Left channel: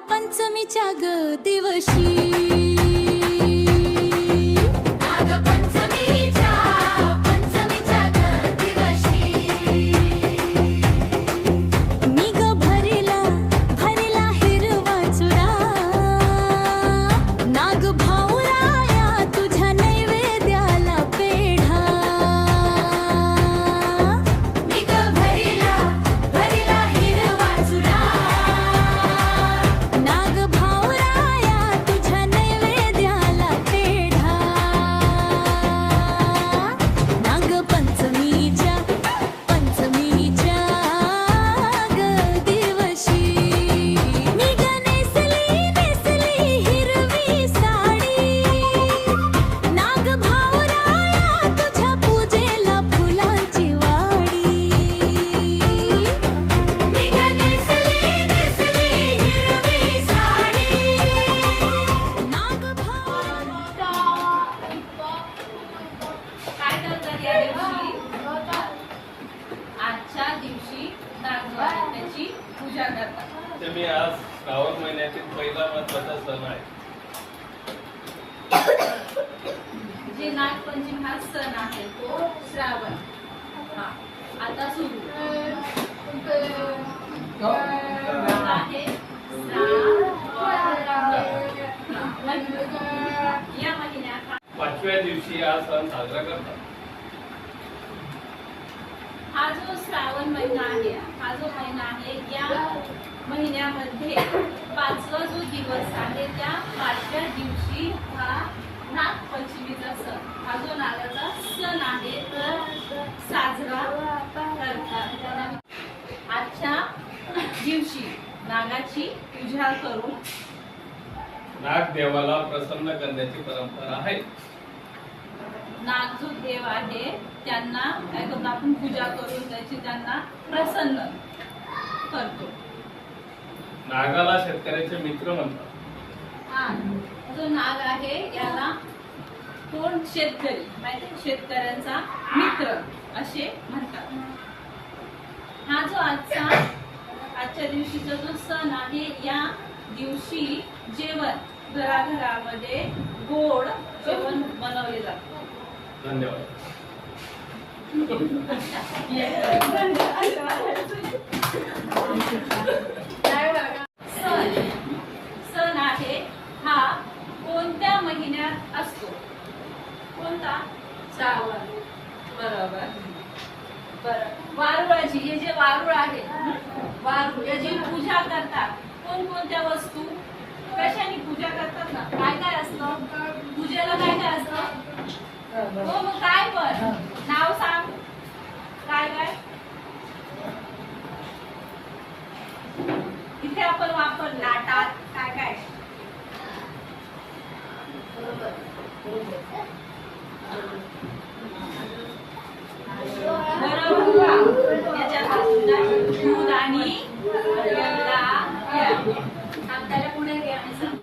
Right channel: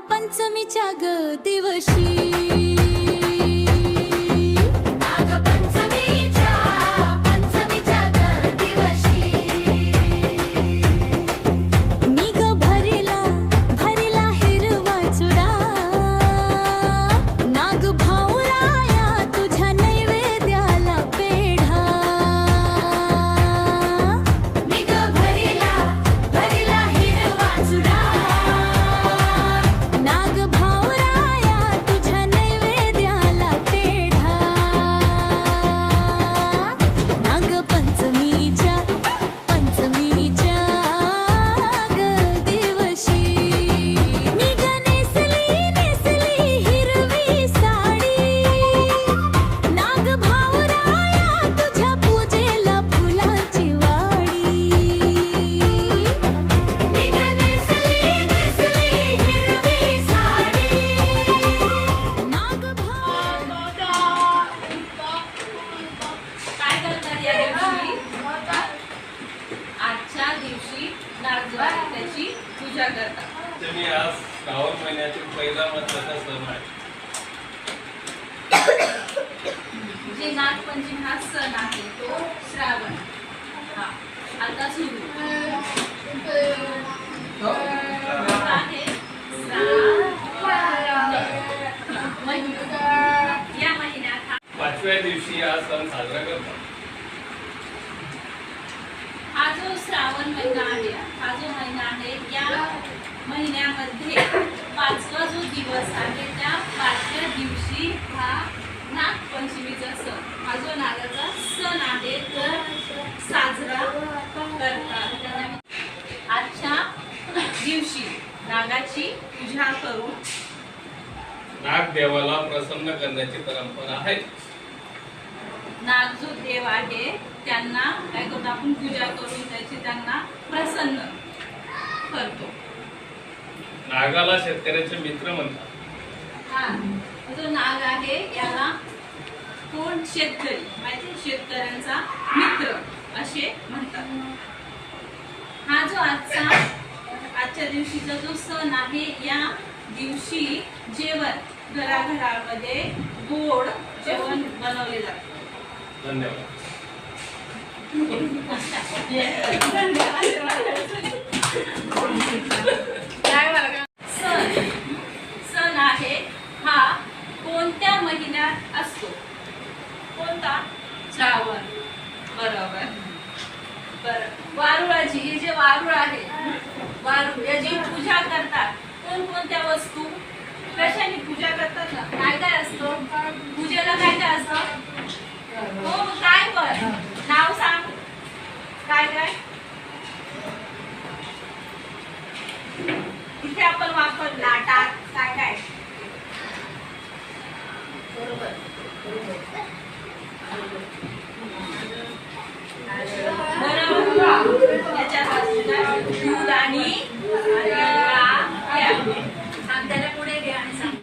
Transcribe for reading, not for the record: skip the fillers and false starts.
पंचमीच्या ग दिवशी मी ग भरिला हिरवा चुडा नाग भाऊराया तुझ्या नैवेद्याला पेढा मी ग भरिला हिरवा चुडा नाग भाऊराया तुझ्या नैवेद्याला पेढा नाग पंचमीच्या ग दिवशी मी ग नेसली हिरवी साडी नाग भाऊराया तुझ्या पूजेला फुलांची वाडी मी ग नेसली हिरवी साडी नाग काय करतात या दिवशी? आजच्या दिवशी त्याची पूजा करतात. तुम्ही आज श्रावण महिन्यातील पहिला महत्वाचा सण आहे. जे नागपंचमी हा सण आहे तो श्रावण हा आता सुरू आहे. या महिन्यात पाचव्या दिवशी हा सण साजरा करतात. हा जो श्रावण महिना आहे हा जो महिना आहे या महिन्यामध्ये पाचवा जो दिवस आहे त्या पाचव्या दिवशी हा नागपंचमीचा सण हा जो नागाचा सण आहे तर साजरा करतात. आजच्या दिवशी नागाची पूजा करून नाग देवाला प्रसन्न करण्याची परंपरा आहे. नाग जो देव आहे त्यांना काय करतो आपण पूजा करून त्याची त्यांना प्रसन्न करतो. नागाला शेतकऱ्याचे मित्र म्हणतात. हा जो नाग आहे याला कोण शेतकरी माहिती शेतकऱ्यांचा मित्र असे म्हणतात. हा जो आजच्या दिवशीचा जो सण आहे या दिवशी जेवण घराघरामध्ये गोड जेवण बनवले जाते. धन्यवाद. सण आहे हा कोणत्या महिन्यात असतो? कोणता? श्रावण. बरोबर. वारुळाची हे जे वारुळ आहे वारुळ याची पूजा करतात. कोणकोणत्या वस्तू कशाने पूजा करतात ना? काय काय असतो पूजेला? काय काय असतं? हो काय पण नाव सांग. काय काय इथे आपण वापर लाटात काय काय? बरोबर याच्यात दूध आणि त्याला पुढे घ्या आणि सांग.